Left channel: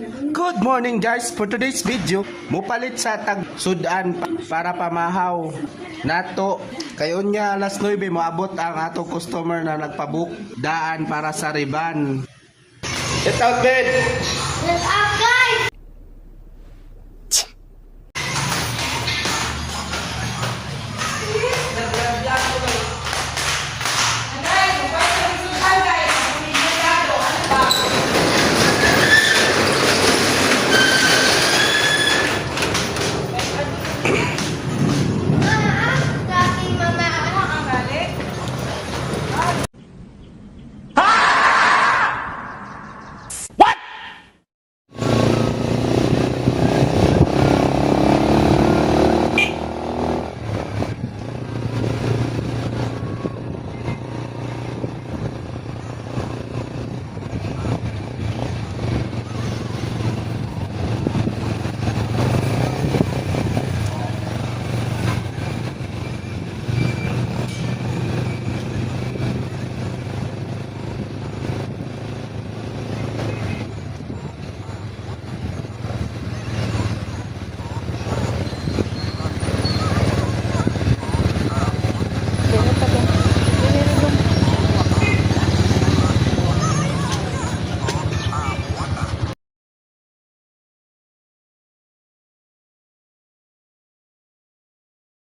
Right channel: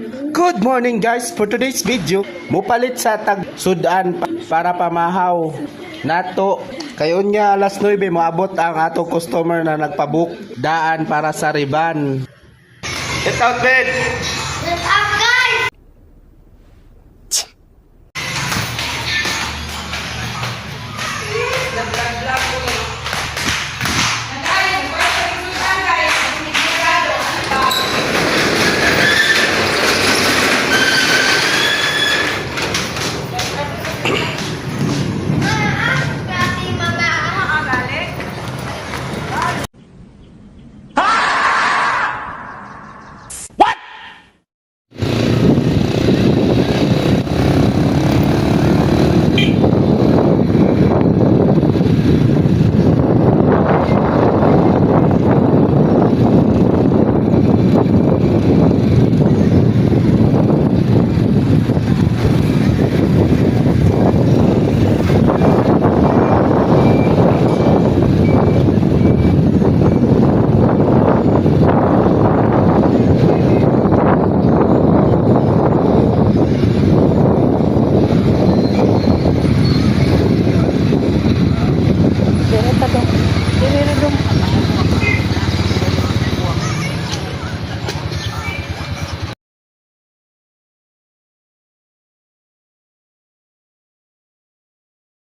Good morning guys, for today's video mupalit sa tag sudan para pamahaw nato kayon nga alas 9 moabot ang ato customer na nagpabook daan para sa Riban. Get out bed.